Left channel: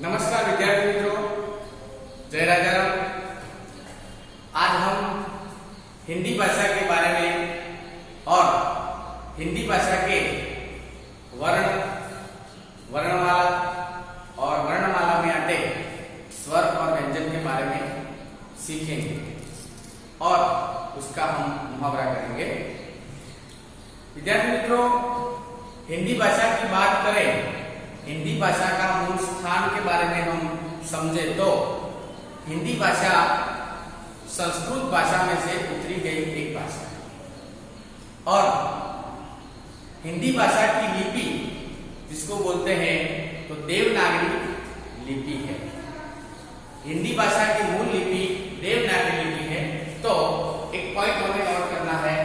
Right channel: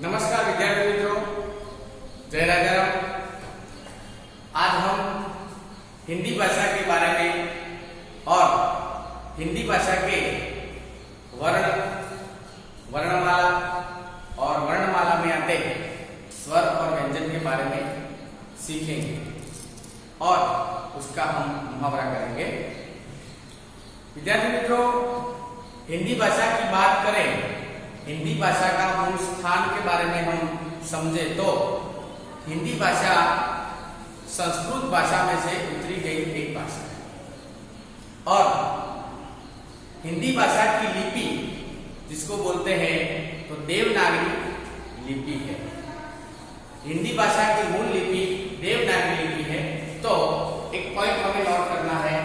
नमस्कार विद्यार्थी मित्रों, जय राजा राम। आज हम हिंदी भाषा के बारे में और हिंदी भाषा के वर्णमाला और वर्णमाला में आते स्वर और व्यंजन के बारे में सीखेंगे और उसका हम मुहावरा करेंगे। विद्यार्थी मित्रों, हिंदी भाषा की बात करें, हिंदी भाषा का मूल स्थान के बारे में हम समझे तो हिंदी भाषा संस्कृत भाषा में से उतरी गई एक भाषा है और हिंदी भाषा की लिपि जिसको बोलते हैं तो देवनागरी लिपि है। हिंदी भाषा की मूल लिपि देवनागरी लिपि है। तो एक पॉइंट हमें नोट करना है,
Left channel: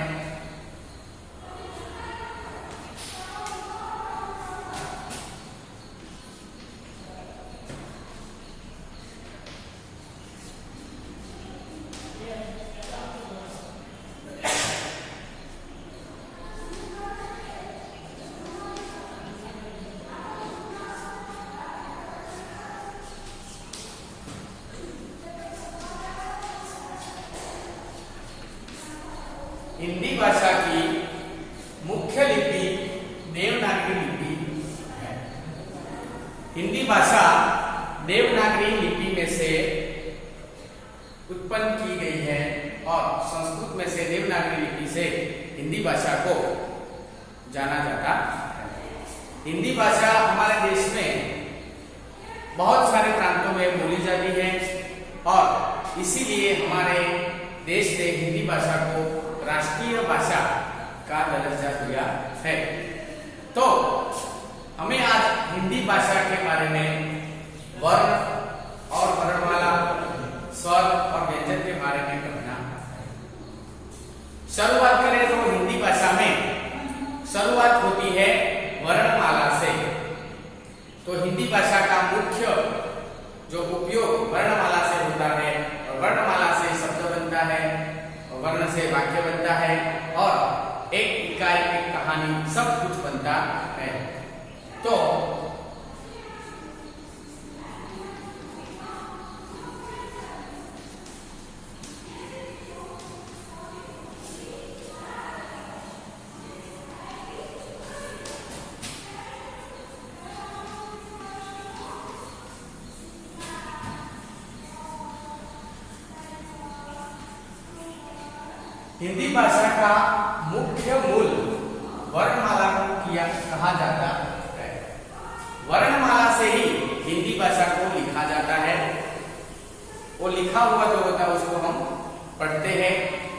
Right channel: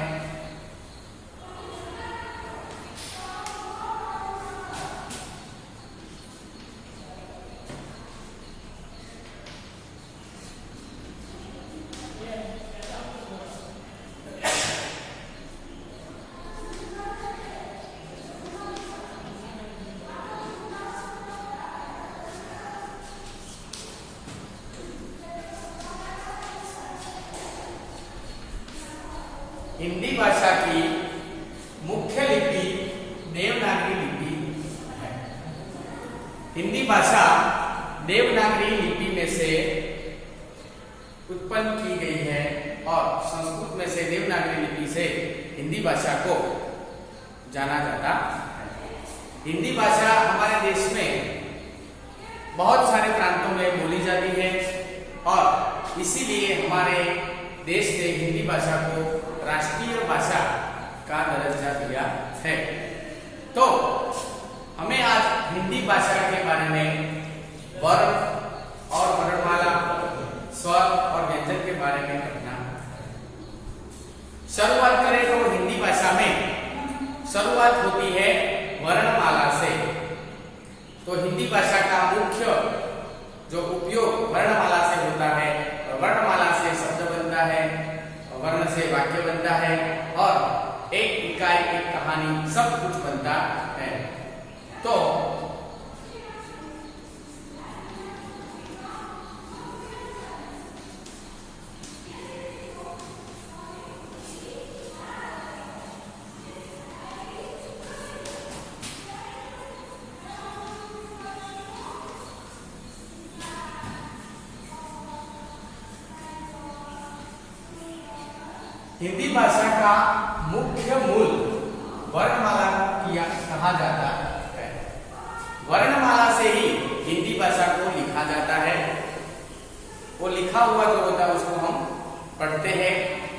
हिंदी भाषा की मुख्य लिपि देवनागरी लिपि है। हिंदी भाषा देवनागरी लिपि में से उत्पन्न की गई है और संस्कृत में से देवनागरी लिपि से हिंदी भाषा को जाना जाता है। हिंदी भाषा हमारे देश में बहुत सारे प्रांतों में बोली जाती है और इसीलिए हमारे देश ने हिंदी भाषा को राष्ट्रीय भाषा का दर्जा दिया है। तो हमें आज हिंदी भाषा के बारे में वर्ण और वर्णमाला, स्वर और व्यंजन के बारे में पढ़ना है। शुरुआत करें तो हिंदी भाषा में शुरुआत होती है वर्णमाला से। तो हिंदी भाषा का मुख्य जो उपयोग वर्णमाला से होता है और वर्णमाला से शब्द बनता है, वर्ण से वाक्य बनता है और एक इकाई, एक कहानी, सब कुछ बनता है। तो हिंदी भाषा का मुख्य मूल वर्णमाला कहा जाता है। वर्णमाला से ही हिंदी भाषा को लिखा जाता है। वो लिखा हुआ जो होता है उसको हम पढ़ते हैं,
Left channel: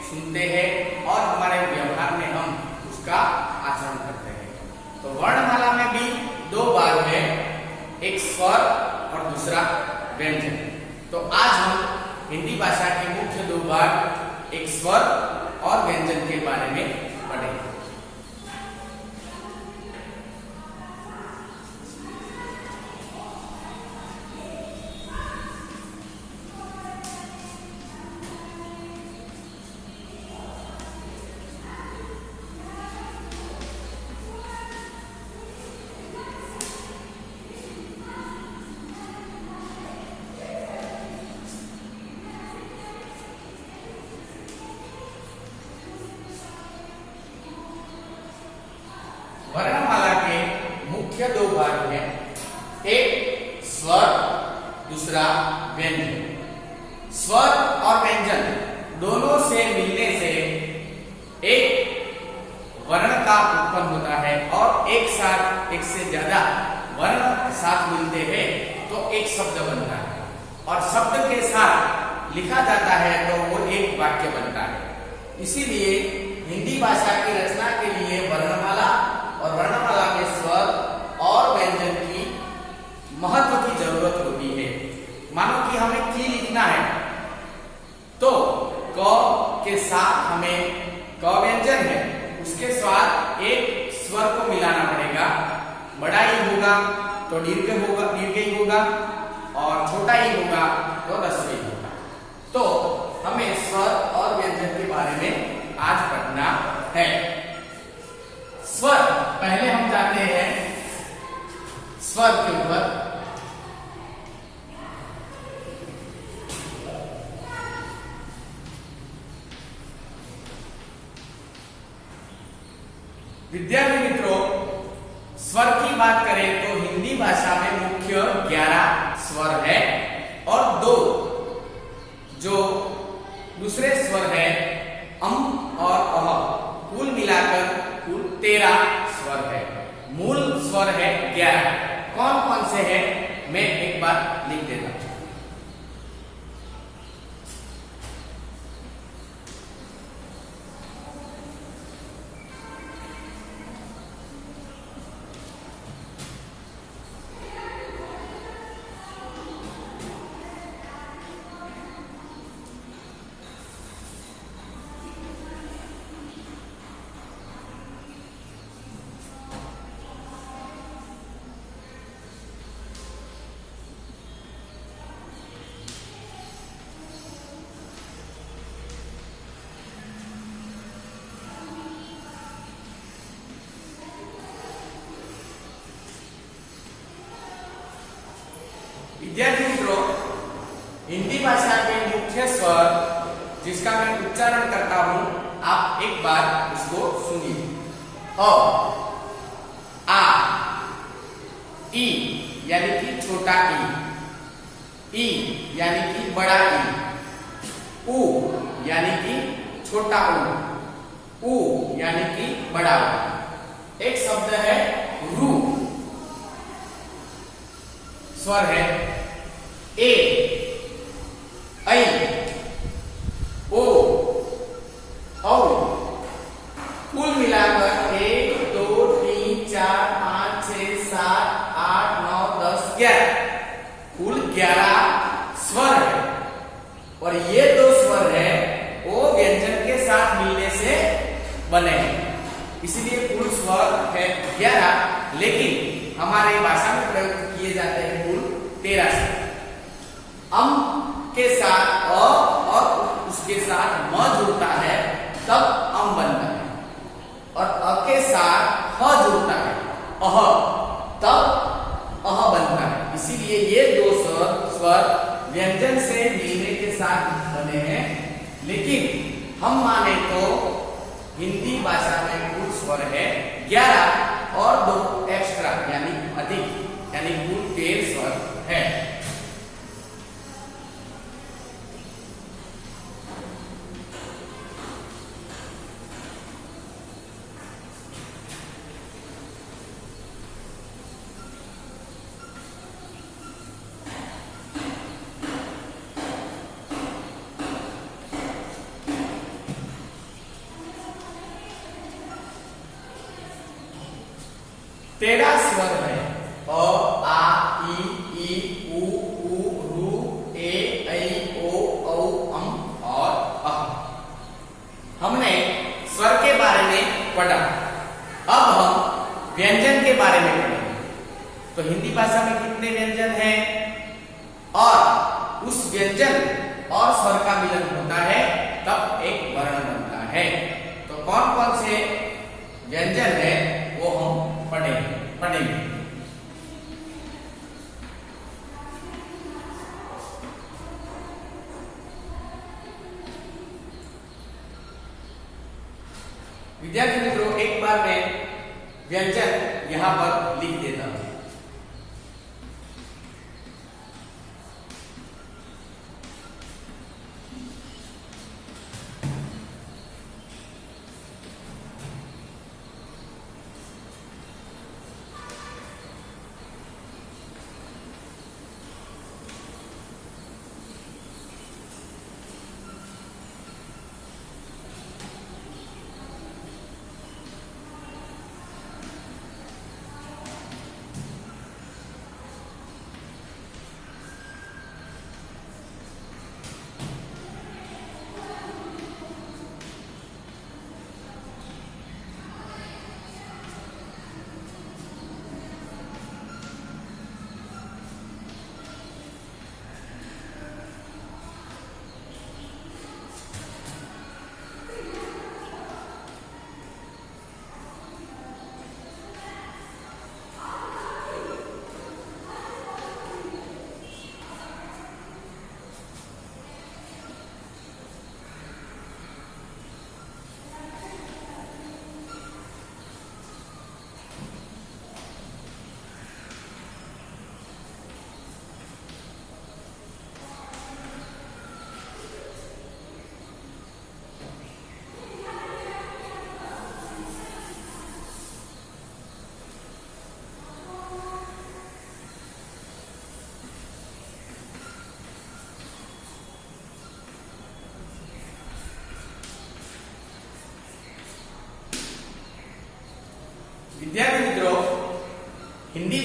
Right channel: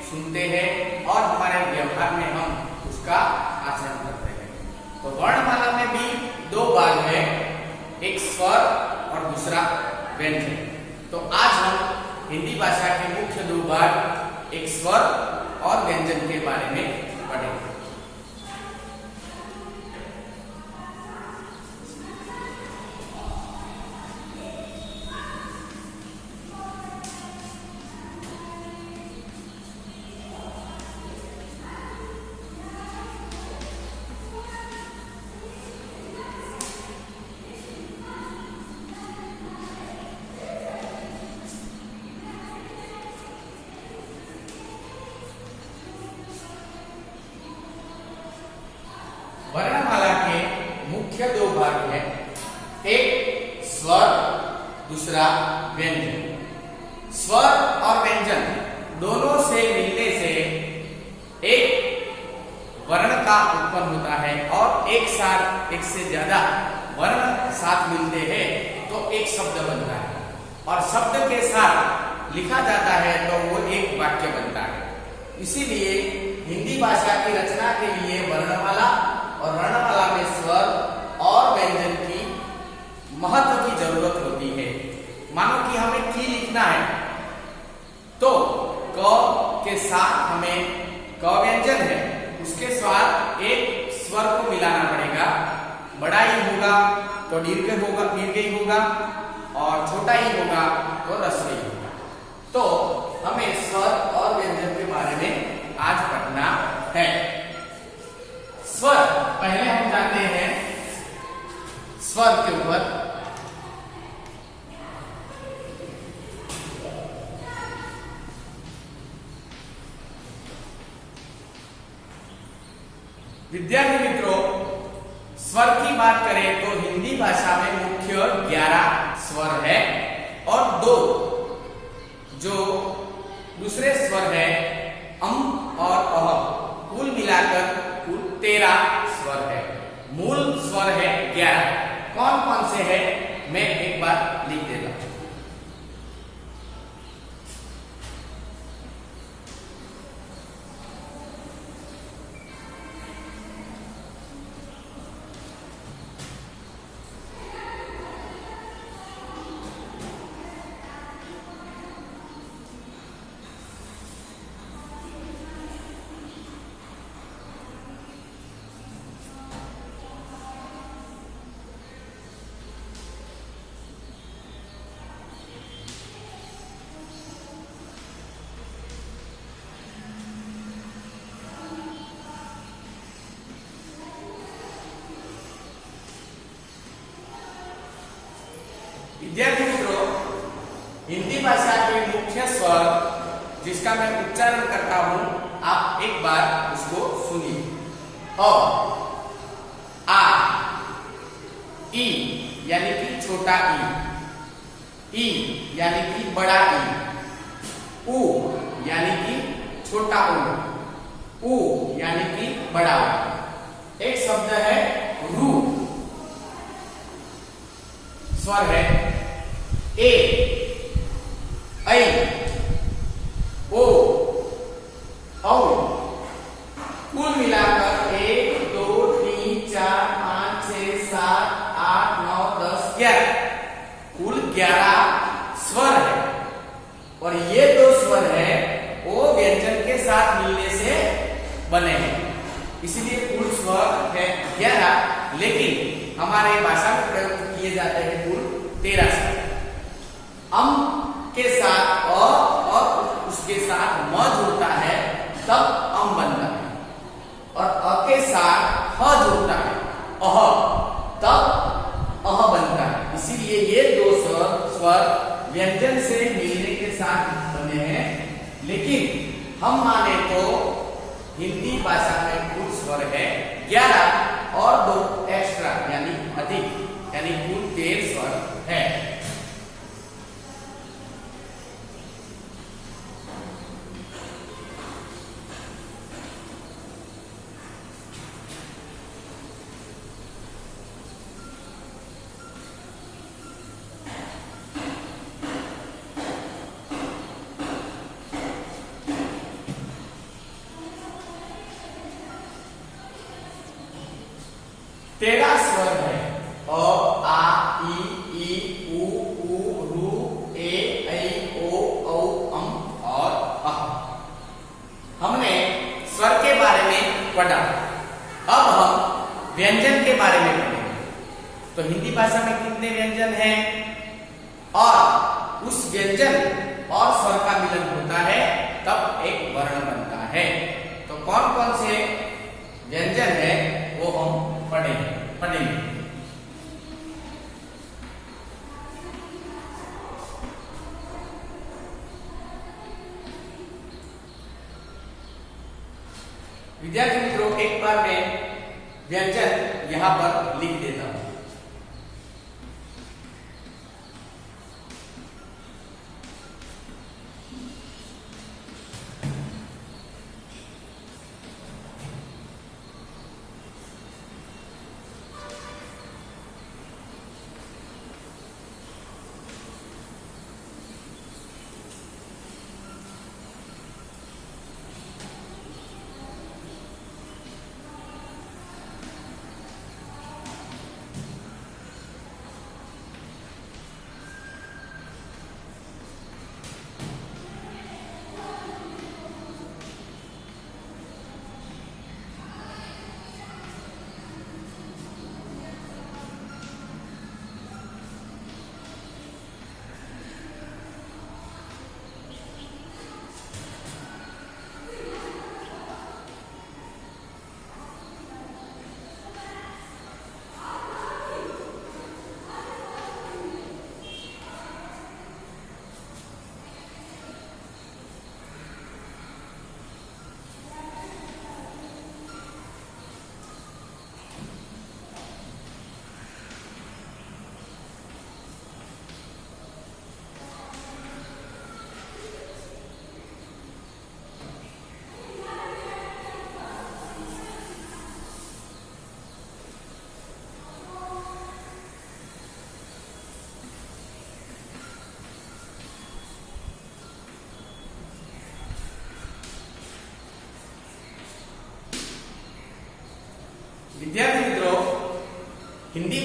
सुनते हैं और हमारे व्यवहार में हम उसका आचरण करते हैं। तो वर्णमाला में भी दो भाग है, एक स्वर और दूसरा व्यंजन। तो आज हम हिंदी भाषा के मुख्य दो भाग, एक स्वर और व्यंजन के बारे में पढ़ेंगे। वर्णमाला के मुख्य दो भाग हैं, एक स्वर, दूसरा व्यंजन। स्वर और व्यंजन दोनों से मिलने से एक वर्ण का उत्पन्न होता है और एक साथ एक से ज्यादा वर्ण साथ मिलते हैं तो एक शब्द बनता है और शब्द के साथ लिखा जाता है तो वो एक वाक्य बनता है। इसीलिए हिंदी भाषा की रचना के लिए वर्णमाला और वर्णमाला में स्वर और व्यंजन की महत्व की जरूरत होती है। मानो कि हमें की लिखना है तो क के साथ हमें क व्यंजन है, उसके साथ एक स्वर को मिलाना पड़ेगा। बड़ा ही होगा तो दीर्घ ही होगा और छोटा ही होगा तो ह्रस्व ही होगा। तो हमें स्वर और व्यंजन के बारे में आज पढ़ना है। स्वर, पहले हम जानते हैं स्वर के ऊपर। विद्यार्थी मित्रों, स्वर की बात करें तो हिंदी भाषा में मुख्य 11 स्वर है और 2 जो दूसरे स्वर है अम और अह, कुल मिलाकर कुल 13 स्वर है। मूल स्वर है 11। कौन कौन से है मैं एक बार लिख देता हूं। विद्यार्थी मित्रों, हिंदी भाषा के मुख्य स्वर जिसका मैं उच्चारण करता हूं, आप एक बार उसको सुनिए। अ, आ, ई यानी कि छोटा ई यानी कि बड़ा ई, उ यानी कि छोटा उ यानी कि बड़ा उ। एक शब्द है रू, स्वर है ए, ऐ, ओ, औ। कुल मिलाकर 1 2 3 4 5 6 7 8 9 10 11 कुल 11 स्वर है। और ये 2 स्वर है वो व्यंजन के साथ मिलने से बने हैं, इसलिए कुल स्वर है 11, लेकिन हमारे भाषा में प्रयोग किए जाते हैं कुल 13 स्वर। अम के साथ अ और उसके साथ म जुड़ता है तब अम बनता है, और अ के साथ ह जुड़ता है अह तब अह बनता है। इसीलिए ये 2 स्वर व्यंजन से मिलने के साथ बने हैं, लेकिन हम माने तो हिंदी भाषा में कुल स्वर है 11 और 2 एक्स्ट्रा यानी अधिक, यानी कुल 13 स्वर है। तेरह स्वर है अ, आ, ई, उ, रू, ए, ऐ, ओ, औ, अम और अह। हमने स्वर के बारे में पढ़ा, अब हम व्यंजन के बारे में पढ़ेंगे। तो हिंदी भाषा में कितने व्यंजन हैं और उस व्यंजन और स्वर का मिलन होता है तब एक वर्ण बनता है। तो कौन कौन से व्यंजन है वो हम पढ़ेंगे। विद्यार्थी मित्रों, एक बार मैं व्यंजन यहां पर लिख देता हूं।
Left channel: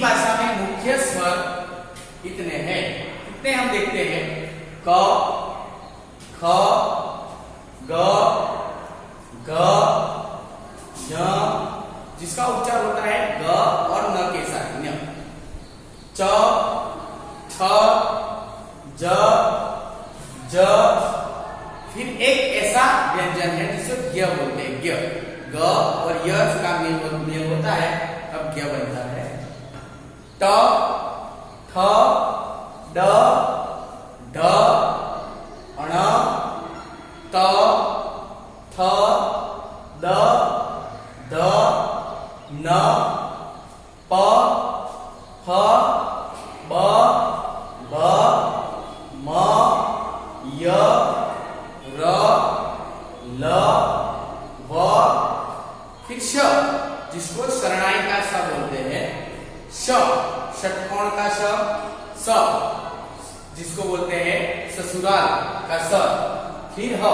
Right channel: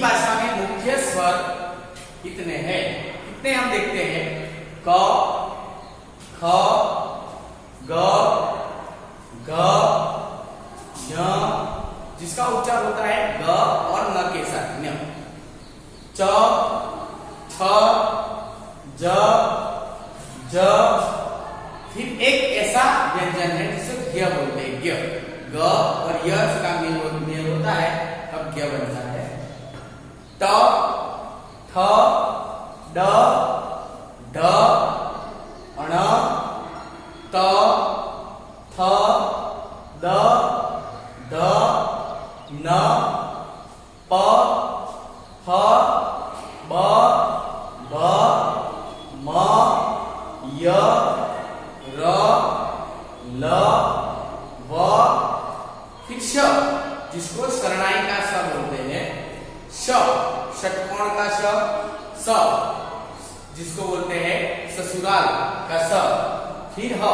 भाषा में मुख्य स्वर कितने हैं? कितने हम देखते हैं? क, ख, ग, घ, ञ, जिसका उच्चार होता है ग और न के साथ, ञ, च, छ, ज, ज, फिर एक ऐसा व्यंजन है जिसे ज्ञ बोलते हैं, ज्ञ, ग और य का मेल होता है तब ज्ञ बनता है। ट, ठ, ड, ढ, अण, त, थ, द, द, न, प, ह, ब, भ, म, य, र, ल, व, फिर श, जिसको शरणाई का श बोलते हैं, श, षटकोण का श, स, जिसको बोलते हैं ससुराल का स, फिर ह।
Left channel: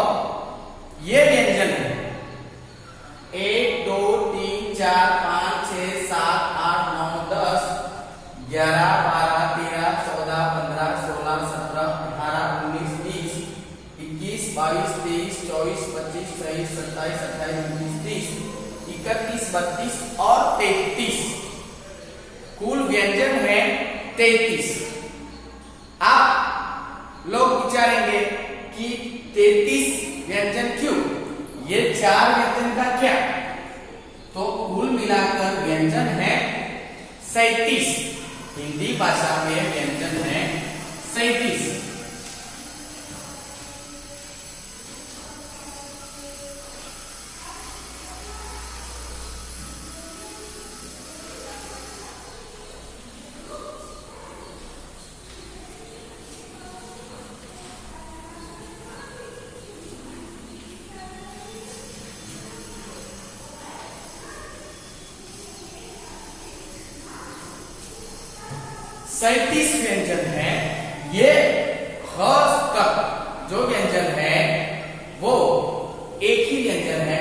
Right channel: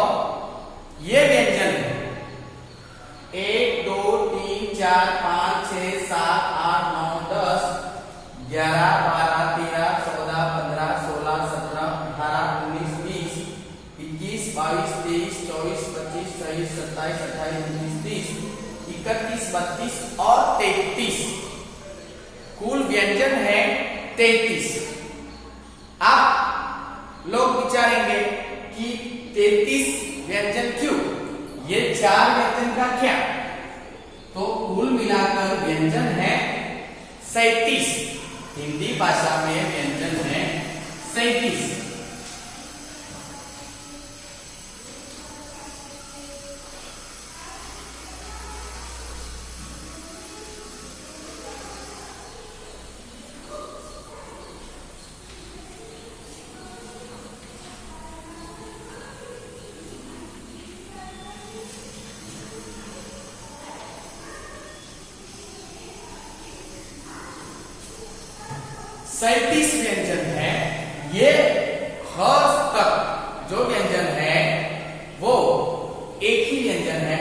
ये व्यंजन है 1 2 3 4 5 6 7 8 9 10 11 12 13 14 15 16 17 18 19 20 21 22 23 24 25 26 27 28 29 30 31 32 और 33, कुल व्यंजन है 33। आप लोग विचारेंगे कि 33 व्यंजन क्यों? ये 4 व्यंजन का क्या? तो कुल मिलाकर व्यंजन है 37। हिंदी भाषा में व्यंजन है 37। सैंतीस व्यंजन है। ये ख तक जो व्यंजन है वो एक ही व्यंजन है,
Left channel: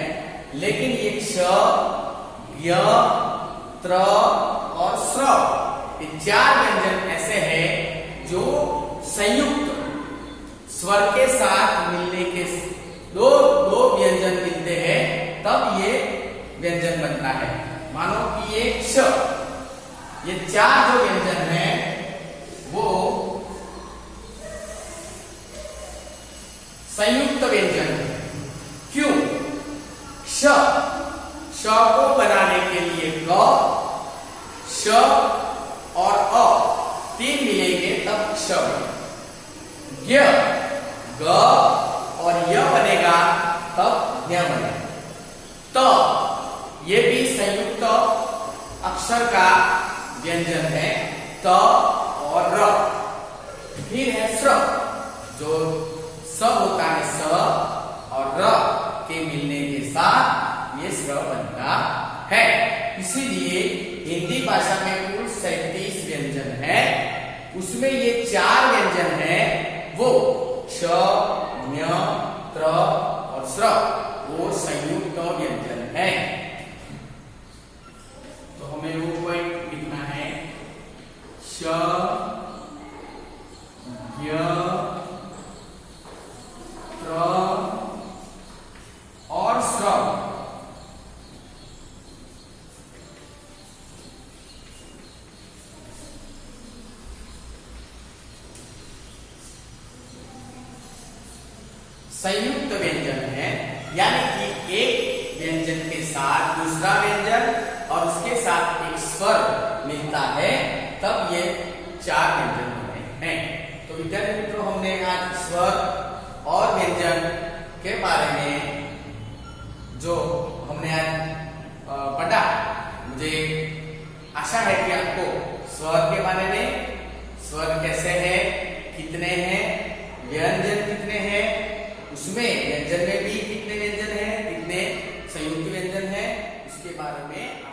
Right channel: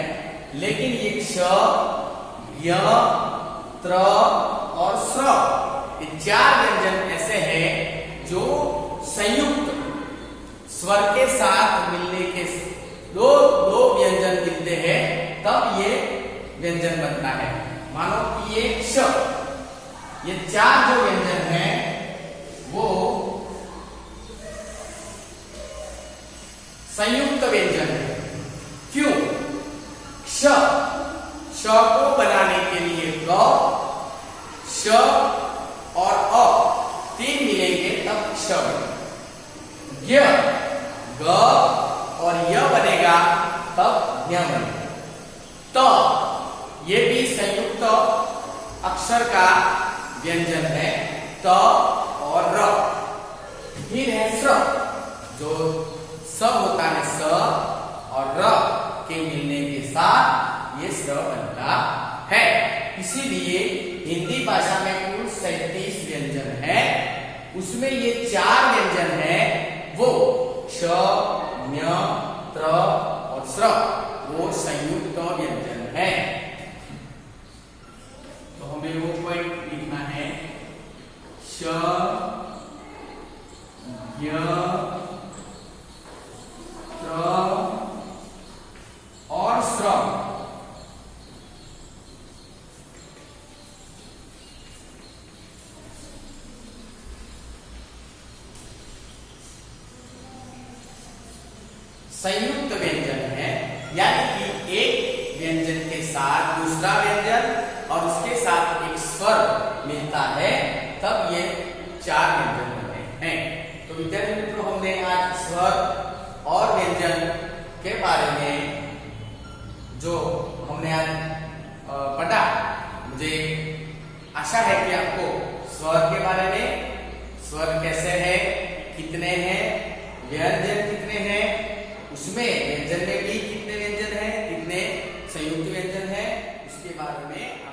लेकिन ये क्ष, ज्ञ, त्र और स्र, ये 4 व्यंजन ऐसे हैं जो संयुक्त स्वर के साथ मिलने के दो व्यंजन मिलते हैं तब ये व्यंजन बनता है। मानो कि ये क्ष, ये 4 जो व्यंजन हैं वो संयुक्त व्यंजन है। क्यों? क्ष, श को बनाने के लिए ग, श और अ 3 मिलेंगे तब क्ष बनेगा। ज्ञ, ग और य बनेगा तब ज्ञ बनेगा। त, ये भी संयुक्त अक्षर का व्यंजन है, त और र। फिर है स्र, जो स होता है स और र के मिलने के साथ ये स्र बनता है। इसीलिए हिंदी भाषा में कुल 37 व्यंजन है, उसमें ये 4 व्यंजन है वो क्ष, ज्ञ, त्र और स्र, वो संयुक्त व्यंजन है। तो हमें वो पॉइंट लिखना है, श, ज्ञ, त्र और स्र संयुक्त व्यंजन है, यानी कि एक व्यंजन के साथ दूसरा व्यंजन और उसके साथ एक स्वर मिलता है तब ये 4 व्यंजन बनते हैं। तो विद्यार्थी मित्रों, हमने आज स्वर और व्यंजन के बारे में जो हमने आज पढ़ा, मुझे आशा है कि आपको स्वर के बारे में, स्वर कैसे है, कितने हैं, व्यंजन कितने हैं, उसमें व्यंजन में भी कितने व्यंजन हैं, कितने संयुक्त व्यंजन हैं, उसके बारे में